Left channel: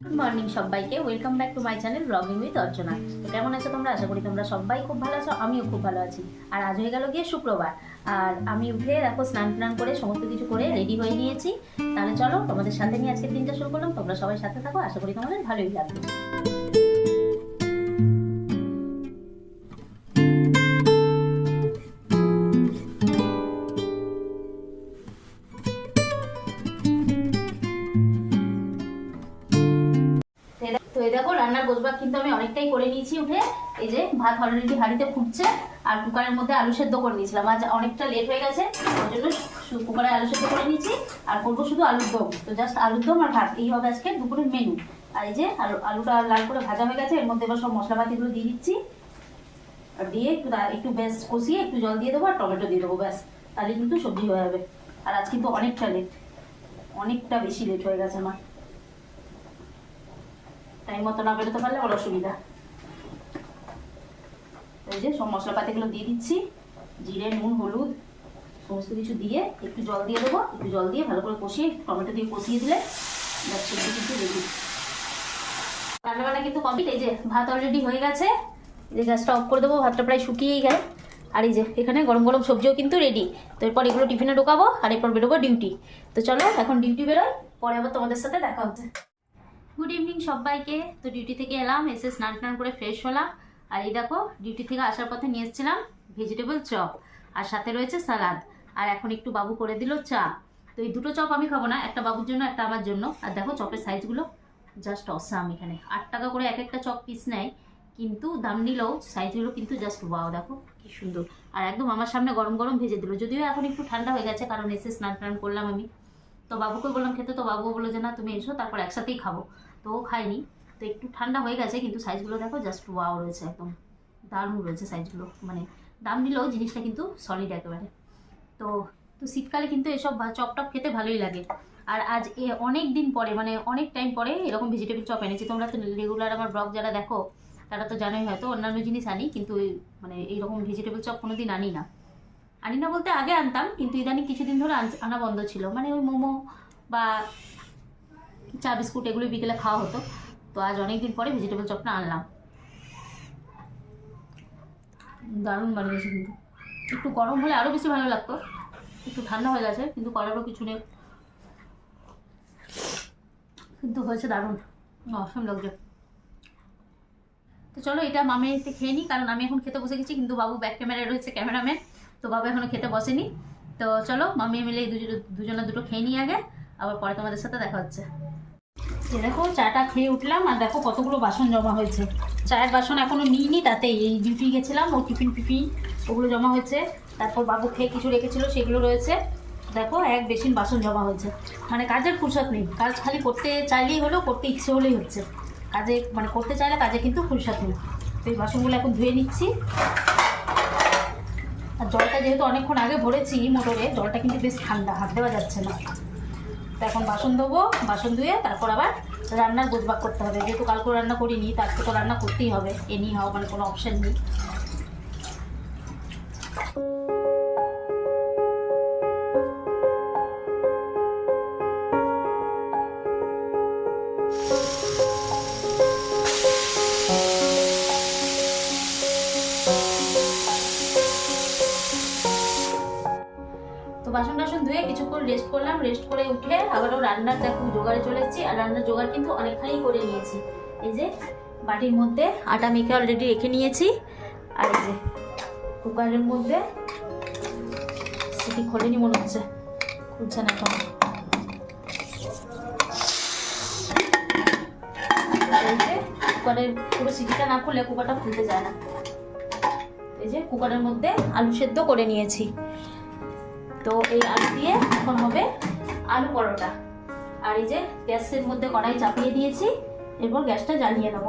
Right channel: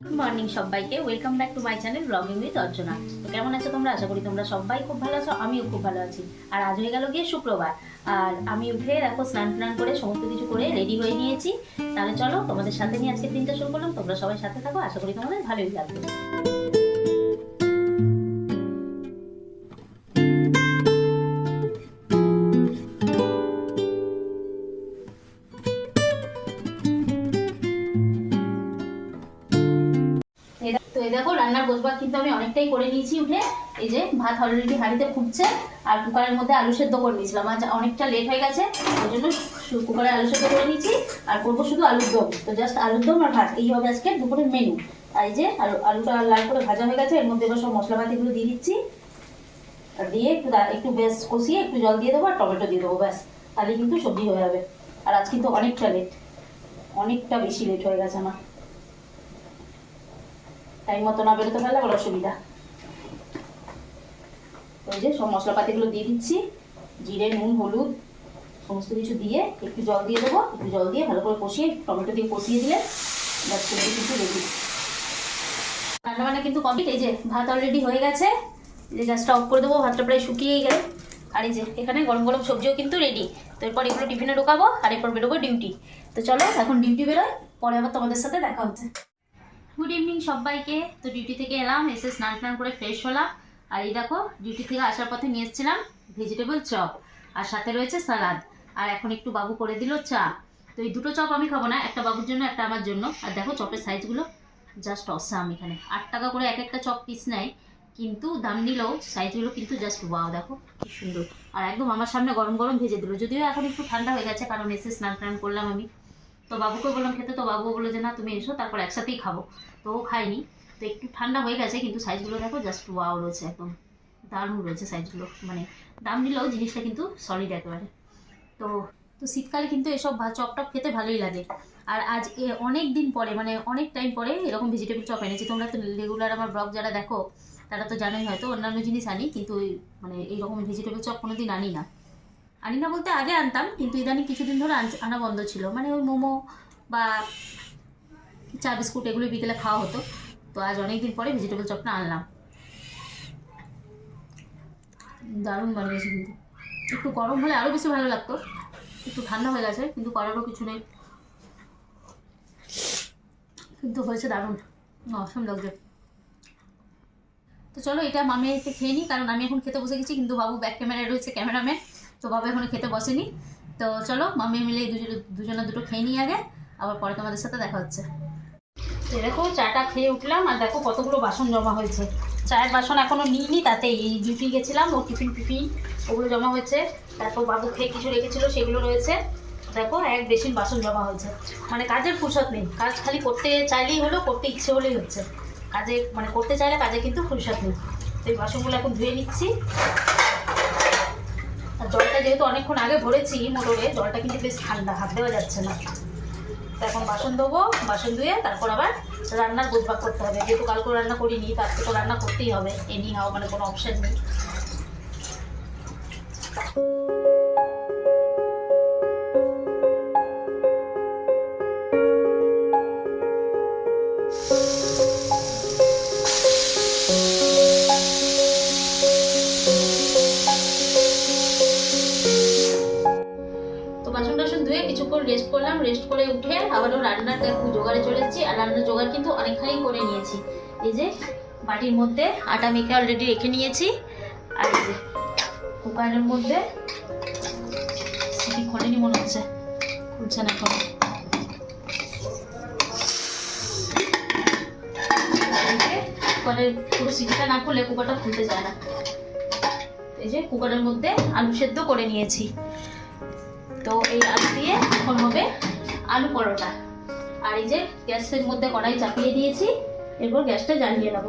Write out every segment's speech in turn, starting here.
Good morning সবাইকে, welcome back to my channel blogging with Archana. তো কেমন আছো তোমরা? আশা করি তোমরা সবাই খুব ভালো আছো, আমিও খুব ভালো আছি। আর আজ হয়ে গেল গিয়ে শুক্রবার, আর আমি উঠে দেখো স্নান করে সমস্ত কিছু করে রেডি হয়ে নিয়েছি। তাহলে চলো তোমাদের সাথে নিয়ে আজকের দিনটা শুরু করলাম। তোমরা সবাই সাথে থাকো, আশা করি তোমাদের ভালোই লাগবে। তো এই দেখো রান্নার গোছবাগ কিন্তু আমি অনেকটাই করে নিয়েছি উঠে। এই যে ভাত অলরেডি হাঁড়িতে ফুটছে, আর কুকারের মধ্যে আলু সেদ্ধ করে নিয়েছিলাম। আজ অনেকটা লেট হয়ে গেছে, ওই জন্য কুকারে আলু সেদ্ধ করে নিয়েছি। আর করবো শুধু আলুর দম। তো জাস্ট আলুর দম আর ভাত, এই হবে আজকে দুপুরের মেনু। আর এই যে আলুটা লাল করে ভাজা হয়ে গেছে, এর মধ্যে এবার সব মশলাপাতিগুলো দিয়ে দিচ্ছি। আর দিয়ে একটু বেশ কষিয়ে একটু জল দিয়ে দেবো আর টমেটো দিয়ে দেবো, ব্যাস তাহলে কিন্তু সবজি হয়ে যাবে। আর আজ কিন্তু অনেকটা বেশি লেট হয়ে গেছে আমার। টাইম মতো না বেরোতে পারলে বড় অসুবিধা। এই যে সব মশলাপাতিগুলো দিয়ে দিচ্ছি, জিরে, নুন, হলুদ সমস্ত কিছু দিয়ে একটু জল দিয়ে দেবো। একটু জল দিয়ে ভালো করে কষিয়ে টমেটো দিয়ে কষিয়ে দিলে সবজি কিন্তু রেডি। রান্নাবান্না কিন্তু কমপ্লিট। এই যে ভাত অলরেডি হয়ে গেছে, এই যে গ্যাসটা অফ করে দেবো, ভাতটা প্রায় শুকিয়েই গেল। আর এই যে এখানে গরম গরম সবজিও কিন্তু রেডি। তো এরপর এগুলো টিফিনে ঢোকাবো, আর এরপর বেরোবো ডিউটি। তো চলো এখন ডিউটি বেরোয়, পরে আবার তোমাদের সাথে দেখা হচ্ছে। গুড ইভিনিং সবাইকে। তো ডিউটি থেকে এলাম, এসে স্নান করে ফ্রেশ হলাম। আর এই দেখো ডিউটি থেকে আসার পথে নিয়ে এসেছিলাম ভেজিটেবল চপ, আর সাথে রয়েছে সালাদ। আর এখন একটু বাবু করে দিল চা। তো এই দুটো চপ আমি খাবো না, একটা বাবুর জন্য একটা আমার জন্য। আর দেখো চপের সাইজগুলো জাস্ট অসাম। এখানে 8 টাকা করে এক একটা চপ পিস নেয়, কিন্তু দাম নিলেও সাইজগুলো কিন্তু জাস্ট ওয়াও, দেখো কি সুন্দর। আর একদম আমার সামনে গরম গরম ভেজে দিল, যদিও এখন একটু ঠান্ডা হয়ে গেছে, কারণ এসে স্নান করলাম আমি। তো বাবুকে বললাম খেতে, তো বাবু বললো যে না তুমি এসো, তারপর একসাথেই খাবো। তো ও খায়নি। তো একটু ঠান্ডা হয়ে গেছে, কিন্তু সাইজগুলো দেখো জাস্ট ওয়াও রয়েছে, একদম দারুণ রয়েছে সাইজগুলো। মানে দাম নিলেও জিনিসটা কিন্তু সলিড একেবারে। তো তো শীতকালে কিন্তু এসব চপ টপ খেতে ভালোই লাগে। আর আজ অনেক দিন পরে, মানে অনেক টাইম পরে এরকম ভেজিটেবল চপ এনেছি। তোমরা তো রেগুলার আমার ব্লগ যারা দেখো তারা তো জানোই, হয়তো অন্যান্য জিনিস আনি, কিন্তু মানে এইরকম ভেজিটেবল চপ কোনোদিন আনি না বলতে আগে আনতাম, কিন্তু ইদানিং কিছুদিন ধরে আনা বন্ধ ছিল। মানে ওই মোমো বা চা বিস্কুট এগুলো বিকেলে খাওয়া হতো। তো আজ অনেকদিন পরে ভেজিটেবল চপটা আনলাম। দারুণ বানিয়েছে কিন্তু। একটু গরম হলে আরও বেশি ভালো লাগতো, একটু ঠান্ডা হয়ে গেছে, কিন্তু করারও কিছু নেই। কিন্তু হয়েছে দারুণ, অসম লাগছে। তো চলো এটা মামি এতে খেয়ে নিই, কারণ আমি এখন খেতে বসে গেছি, কিন্তু বাবু ব্যাক ক্যামেরায় রয়েছে, ক্যামেরাম্যান। তো বাবু এখনো খেতে বসেনি। তো চলো মামি মিলে দুজনে দুটো খেয়ে নিই আগে, আবার পরে তোমাদের সাথে দেখা হচ্ছে। দেখো চাটা খেয়ে উঠলাম, আর দেখো কতগুলো বাসন জমা হয়েছে। চায়ের বাসন এখনও নিইনি, তাতেই ডিউটি গেছিলাম, ও টিফিন ওগুলো জমা হয়েছে। তারপর বাবু খেয়ে কিছু রেখেছিল, সেগুলো রয়েছে। দেখো এক বেসিন বাসন জমা হয়েছে। মানে কাজের ফুরসত নেই, কাজ খালি করতে চাইলেই হলো, করতে ইচ্ছে হলেই হচ্ছে। কাজে মানে করতে চাইলে কাজে কিন্তু ফুরসত নেই। তো এই বাসনগুলো এখন ধুয়ে নিচ্ছি। আর জলটা যেহেতু অনেকক্ষণ আগে ভরেছি মোটরে, জলটা কিন্তু বেশ ঠান্ডা, হাত দেওয়া যাচ্ছে না। তো এখন বাসন ধোবো, বাসন ধুয়ে তারপর আবার রান্নার গোছবাগ করতে হবে। যেহেতু কালকেও রান্না করিনি, তারপর তো রান্না করতেই হবে, এনি হাও, মানে কোনো অপশান নেই। তো বাসন ধুয়ে কিছুক্ষণ রেস্ট করলাম, রেস্ট করে উঠে আবারও রান্নার জোগাড়ে চলে এসেছি। আর রান্নার জোগাড় কিন্তু অনেকখানি করে নিয়েছি। এই যে বাটির মধ্যে আটা মেখে অলরেডি রেখে নিয়েছি। আর এই যে কুকারের মধ্যে সিটি খোলেনি মনে হচ্ছে, খুলছে না এখন। কুকারের পুরো সিটিটা না খুলে কুকারটা খুলতে যায় না। এই যে কুকারের মধ্যে আলু সেদ্ধ করে নিয়েছি। তো এই আলু দিয়ে এখন হবে আলু পরোটা। আর এই যে গ্যাসের মধ্যে কড়াই চাপিয়ে দিয়েছি, এরপর গ্যাসটা জ্বালিয়ে নেব।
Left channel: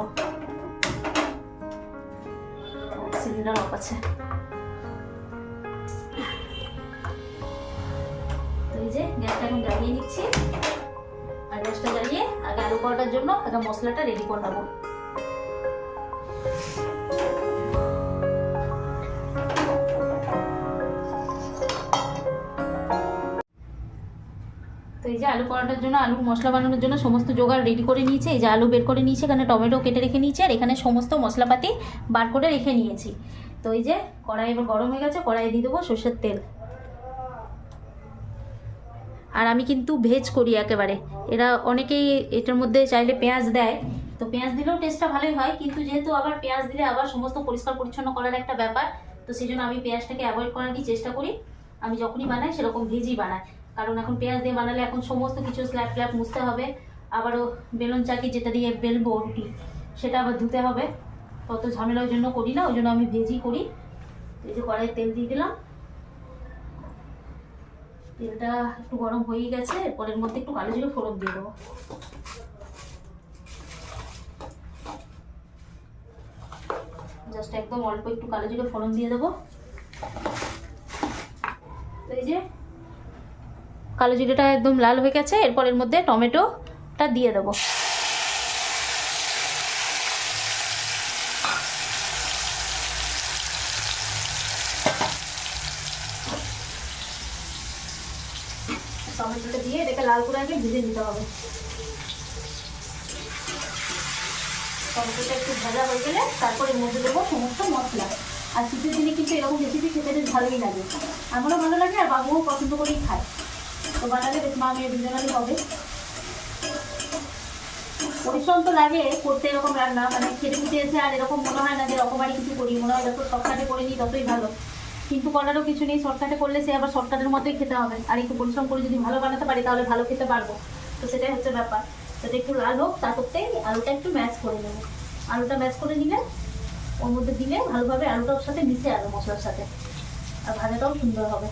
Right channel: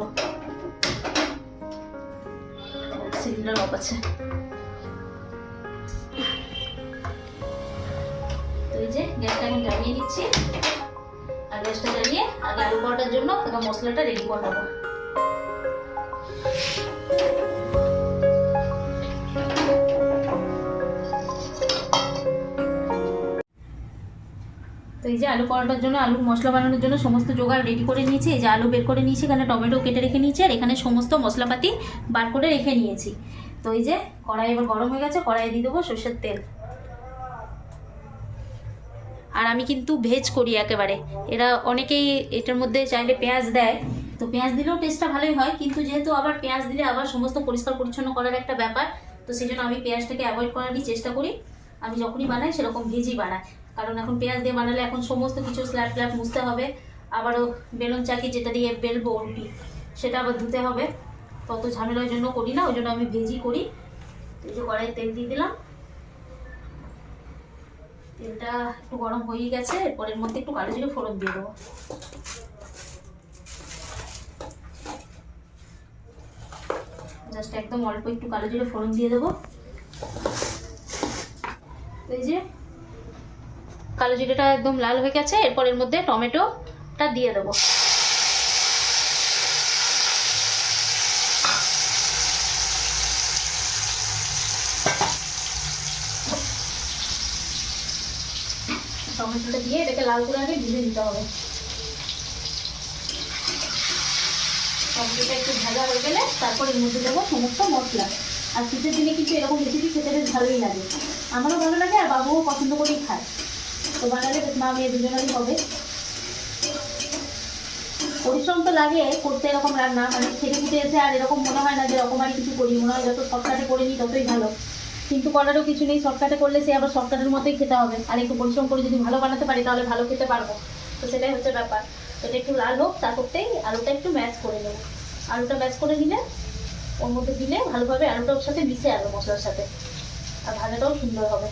সিলিন্ডার অফ আছে। এই যে গ্যাসটা এখন জ্বালিয়ে নিচ্ছি। আর গ্যাসটা জ্বালিয়ে আগে আলু পরোটার জন্য আগে মশলাটা রেডি করে নেবো। তো এই যে আলু পরোটার জন্য আলুর মশলা বানানোর জন্য সমস্ত জোগাড় রেডি করে নিয়েছি। এই যে আলু বের করে নিয়েছি, এখানে টমেটো কেটে রেখে নিয়েছি, আর এখানে সমস্ত মশলাপাতি বার করে রেখে নিয়েছি। তো এই যে কড়াই এবার গরম হয়ে গেছে, কড়াইয়ে দিয়ে দেবো সর্ষের তেল। আর আমি কিন্তু ভেজ করি একেবারে, এরা অনেকেই এটার মধ্যে চাইলে পেঁয়াজ দেয়, তো পেঁয়াজ দিলেও টেস্টটা ভালোই হয়, কিন্তু যেহেতু আবার পেঁয়াজ দিলে আবার সমস্ত পরিষ্কার পরিচ্ছন্ন করার একটা ব্যাপার, তো সেই জন্য আমি পেঁয়াজটাকে অ্যাভয়েড করারই চেষ্টা করি। আমি যখনই বানাই সেরকম ভেজই বানাই, কারণ এখন পেঁয়াজ দিয়ে বানালে এখন সমস্ত কিছু স্ল্যাব ট্ল্যাব মুছতে হবে, আবারও বেলুন চাকি যেটা দিয়ে বেলবো রুটি সেটা আবার ধুতে হবে, তত ঝামেলার জন্য করি না, ওই জন্য আমি ভেজই করি। এই যে কড়াইয়ে তেল দিয়ে দিলাম, তেলটা একটু গরম হয়ে গেছে, এরপরের মধ্যে একটু কালো জিরে ফোড়ন দিয়ে দেবো। জাস্ট একদম অল্প একটু কালো জিরে ফোড়ন দিয়ে দেবো। এই যে কালো জিরেটা একদম লাল হয়ে গেছে, এরপরের মধ্যে টমেটোটা দিয়ে দেবো। টমেটোটা দিয়ে এটাকে লাল করে আগে ভেজে নিতে হবে। টমেটোটা একটু ভাজা হয়ে গেলে তারপর এর মধ্যে দেবো সমস্ত মশলা। আর শীতের দিনে কিন্তু এরকম রেসিপি খেতে বেশ ভালোই লাগে, আমারও ভালো লাগে আর বাবুও পছন্দ করেই খায়। তো বানালে বেশ মা মেয়ে দুজনেরই হবে। পরিশ্রম তো লাগে করতে এরকম রান্না, মানে খেতে খুঁটে এসে আর এরকম মনে হয় না যে রকমারি কিছু করি, মনে হয় যত শর্টকাটে করে নিই ততই ভালো, কিন্তু করারও কিছু নেই, শর্টকাটে করলে সে আবার শর্টকাটের মতোই খেতে হবে, আর একটু পরিশ্রম করে যদি ভালো বানাতে পারি তাহলে ভালো খেতে পারবো, তো সেটাই হচ্ছে ব্যাপার। তো এটা একটু লাল হোক, তার করতেই আলুটা একটু ম্যাশ করে নেবো। আলুটা ম্যাশ করে নিলে ওর মধ্যে দিলে ভালোভাবে আলুটা ওর সাথে মিশে আলু মশলার সাথে, আর ভাজাটাও সুন্দর হবে।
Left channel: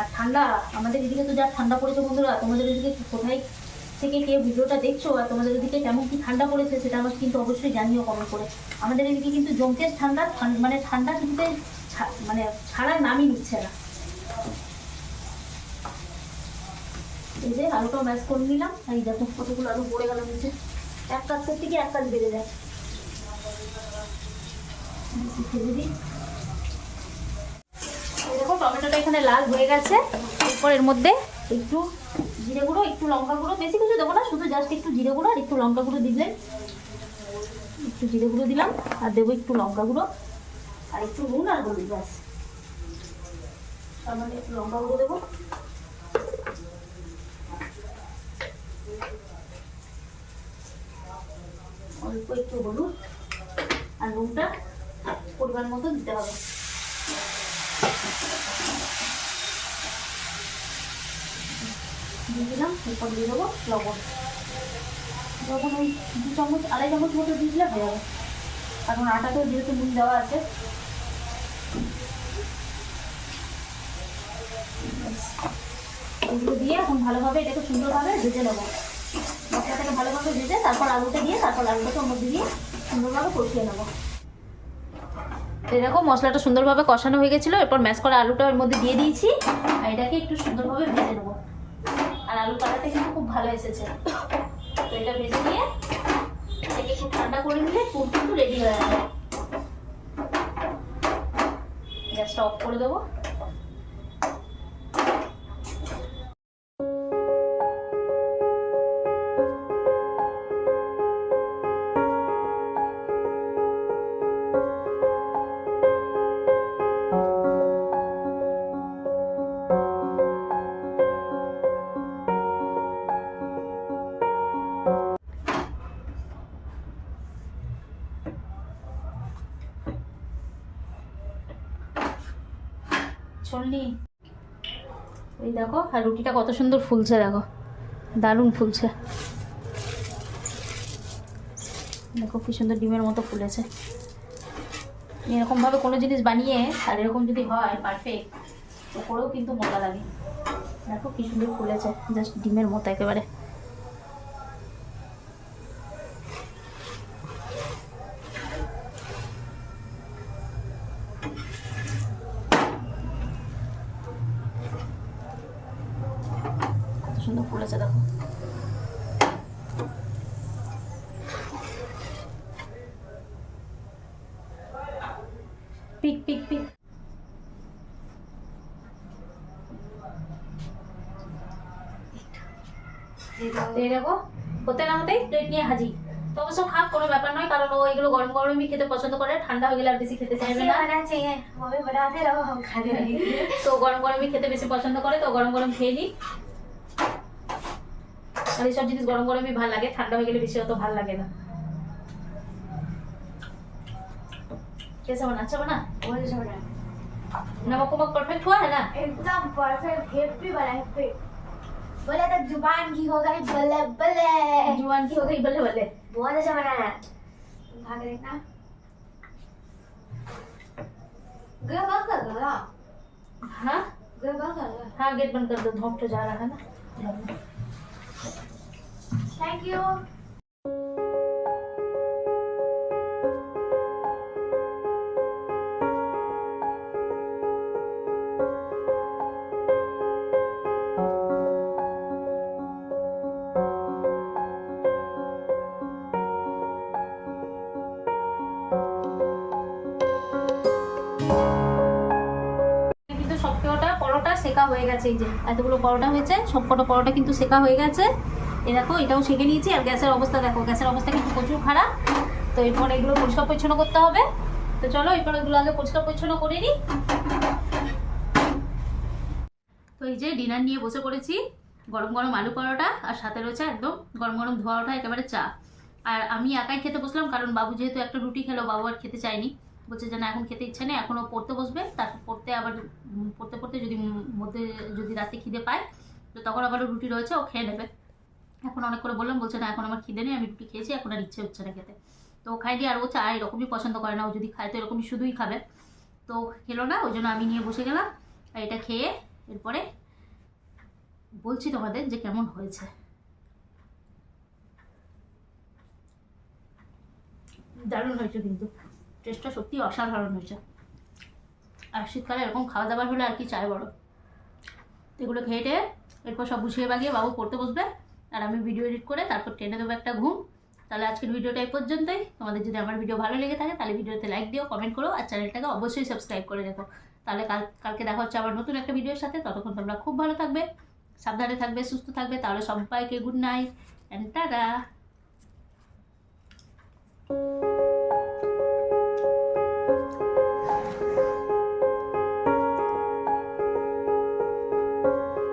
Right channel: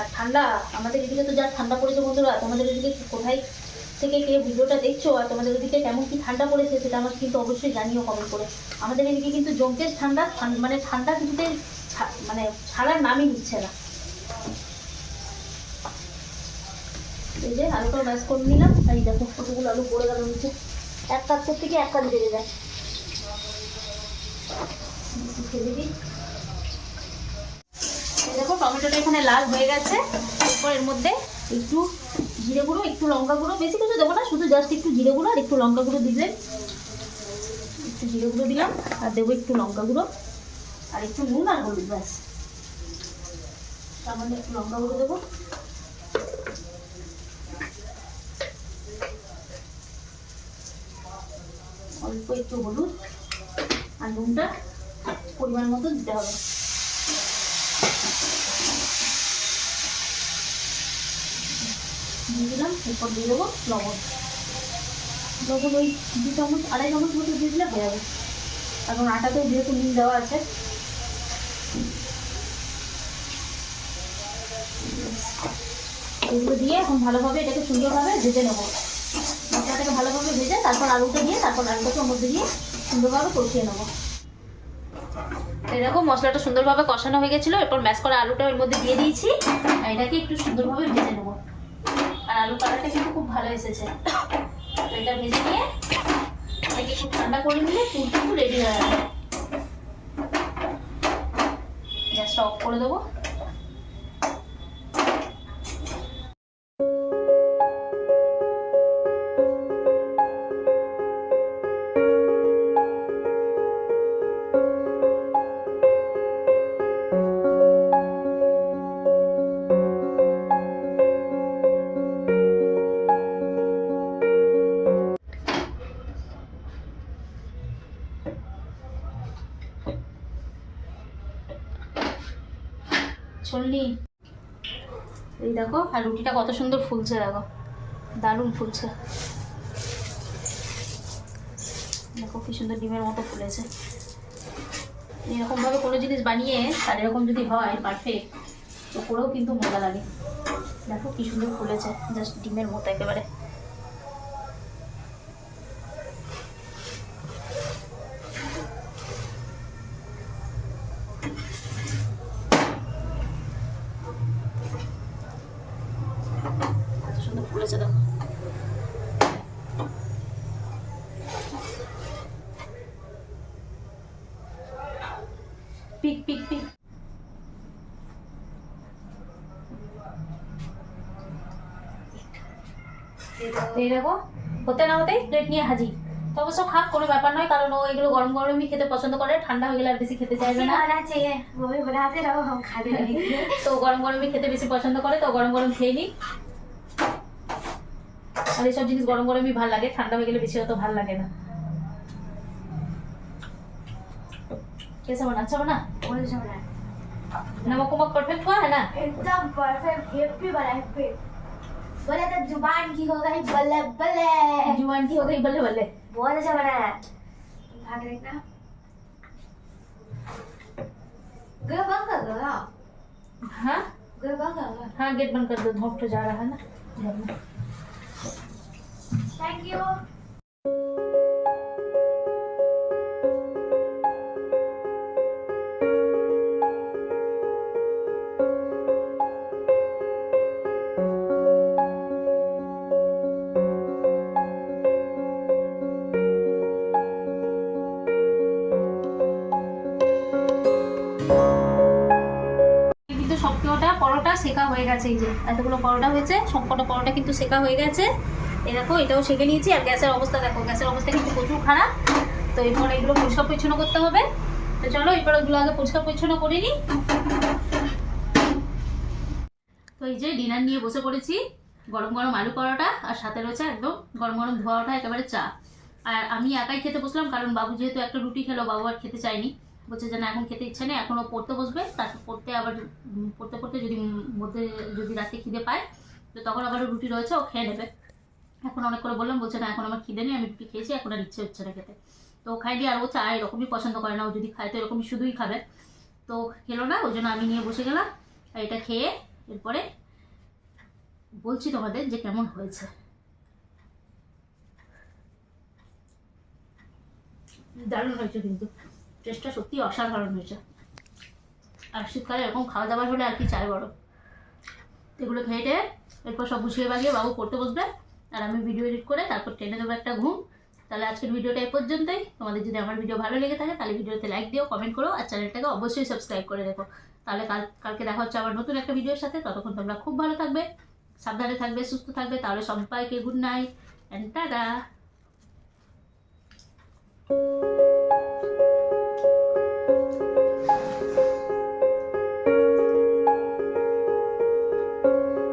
আর ঠান্ডা, আমাদের এদিকে তো যা ঠান্ডা পড়েছে বন্ধুরা, তোমাদের এদিকে কোথায় থেকে কে ভিডিওটা দেখছো আর তোমাদের এদিকে কেমন কি ঠান্ডা পড়েছে সেটা আমাকে কিন্তু অবশ্যই জানিও কমেন্ট করে। আমাদের এদিকে কিন্তু জমকে ঠান্ডা, মানে ঠান্ডা কিছুতেই মানে ছাড়ার নামই নিচ্ছে না। এই যে আলুটা ম্যাশ করে নিলাম, এই দেখো কতগুলো আলু পড়ে গেল নিচে, এক কাজ করতে গিয়ে এক কাজ বেড়ে যায়। ফেলে দিই। দেখো টমেটোটা এখানে লাল হয়ে গেছে, এরপর এর মধ্যে একটু জিরে গুঁড়ো, একটু লঙ্কা গুঁড়ো, বেশি কিছু দেবো না, শুধু জাস্ট একটু জিরে গুঁড়ো আর একটু লঙ্কা গুঁড়ো দিলেন। একটু জিরে গুঁড়ো দিলাম আর দেবো একটু লঙ্কা গুঁড়ো আর একটু নুন আর হলুদ, ব্যাস। তার মধ্যে একটু লঙ্কা গুঁড়ো দেবো, অল্প একটু হলুদ আর নুনটা পরিমাণ মতো দিতে হবে। দিয়ে দিলাম, এরপর দিয়ে দেবো লবণ, যখন ওই 2 চামচ 2.5 চামচ মতো দিয়ে দিলে হয়ে যাবে, কারণ আটাতেও যেহেতু নুন দেওয়া আছে। এগুলো দিয়ে এখন ভালোভাবে এটাকে সুন্দরভাবে ভেজে নেবো, মশলাটাকে ভালোভাবে ভেজে তারপর আলুটা দিয়ে, তারপর আলুটাকে ওর মধ্যে দিয়ে সুন্দরভাবে কষিয়ে নেবো। এরকম মশলাটা সুন্দরভাবে কষানো হয়ে গেছিলো, এরপর ম্যাশ করা আলুটা ওর মধ্যে দিয়ে দিয়েছি, আর এটাকে একটু সুন্দরভাবে ভেজে নেবো। আর আলু কালারটা কিন্তু খুব ভালো এসেছে, তো এটা ভেজে নিয়ে এটাকে একটু ঠান্ডা করে নিলে পুর কিন্তু রেডি হয়ে যাবে। গ্যাসটা অফ করে দেবো। চলনি, এই দেখো, আর রুটিটা কত সুন্দর ফুলছে, দেখো দারুণ ফুলছে, দেখো কি সুন্দর ডিমের মতো ফুলেছে। এরকমভাবে কোনো জিনিস বানিয়ে আর এরকম যদি হয় পারফেক্ট, তো করেও কিন্তু মজা লাগে। দেখো কি সুন্দর ফুলেছে, জাস্ট ডিমের মতো একেবারে। সুন্দর ফুলেছে দেখো। পিক পিক পিক। এই দেখো হতে না হতেই প্লেট নিয়ে হাজির। তো অবশ্য খাক, কোনো ব্যাপার নয়, কারণ ও এগুলো গরম গরমই খেতে পছন্দ করে, ঠান্ডা হয়ে গেলে আর বেশি খেতে চাইবে না। তো গরম গরমই খেতে বেশি পছন্দ করে, তো গরম গরম খেয়ে নিই। আর এইসব জিনিস গরম গরমই ভালো লাগে, ঠান্ডা হয়ে গেলে বেশি অত ভালো লাগে না। कैसा बना? अच्छा बना? नमक वमक परफेक्ट हुआ है ना? एकदम परफेक्ट, हैप्पी बना हैप्पी। बोला तो जुबान की हो गई बल्ले बल्ले, जुबान की हो गई बल्ले बल्ले। बहुत अच्छा बना है। खा के देखना। गेट बंद कर दो ना। हाँ गेट बंद कर दो। हाँ गेट बंद कर दो, धूप तो जा रहा है ना। Thank you. কিন্তু সবকটা পরোটা সেকা হয়ে গেছে, এই যে এতগুলো পরোটা হয়েছে, সবকটা পরোটা কিন্তু সেকা হয়ে গেছে। এই দেখো এটাও সেকে নিয়েছি। আর গ্যাসের অবস্থা দেখো, গ্যাসের অবস্থা কিন্তু প্রচুর খারাপ। তো এরপর এগুলো পরিষ্কার পরিচ্ছন্ন করতে হবে। তো চলো এরপর এগুলো আগে পরিষ্কার পরিচ্ছন্ন করে নিই। তো এই যে ডিনার নিয়ে বসে পড়েছি, গরম গরম আলু পরোটা আর সাথে রয়েছে একদম গরম গরম ধোয়া ওঠা একেবারে চা। আর আমি একাই খেতে বসলাম, কারণ বাবু যেহেতু একটা রুটি খেলো, বাবু আর খেতে চায়নি, বলছে যে না এখন খেতে ইচ্ছে নেই, এখনও পড়তে বসবে, তারপর পড়তে আবার পড়তে পড়তে যদি মধ্যে যদি রাতে খিদে পায় তো তখন আবার রুটি রয়েছে, ও খেয়ে নেবে। এখন অনেক করে বললাম, বলছে না এখন আমার খিদে নেই, আমি রুটি খেয়েছি, এখন আর ইচ্ছে হচ্ছে না খেতে। তো ও খাইনি, আর ও চা এরকমই পছন্দ করে না, ও যদি খায় তো এরকমই শুধুই খাবে। তো খেলো না, ওই জন্য আমি নিয়ে বসে গেলাম। আর এটা খেয়ে এরপরে বলছি তোমাদের যে কেমন হয়েছে। দারুণ হয়েছে, কিন্তু টেস্টটা সত্যি অসাধারণ হয়েছে। আর শীতকালে এরকম খাওয়া দাওয়ার হলে আর কি চাই বড়। এগুলো খেয়ে টেয়ে এরপর সব গুছিয়ে বাগিয়ে বাবু পড়তে বসবে, আর আমি ভিডিও এডিট করে তারপর টেনে দেবো একটা ঘুম। তাহলে আজকের ভিডিওটা এই পর্যন্তই। তোমাদের যদি আমার ভিডিও ভালো লেগে থাকে তাহলে ভিডিওতে লাইক দিও, কমেন্ট করো, আর চ্যানেলটাকে অবশ্যই সাবস্ক্রাইব করে রেখো। তাহলে কালকে দেখা হচ্ছে আবার নতুন একটা ভিডিওর সাথে। ততক্ষণ তোমরা খুব ভালো থাকবে, সাবধানে থাকবে, সুস্থ থাকবে। তাহলে সবাইকে গুড নাইট অ্যান্ড টাটা।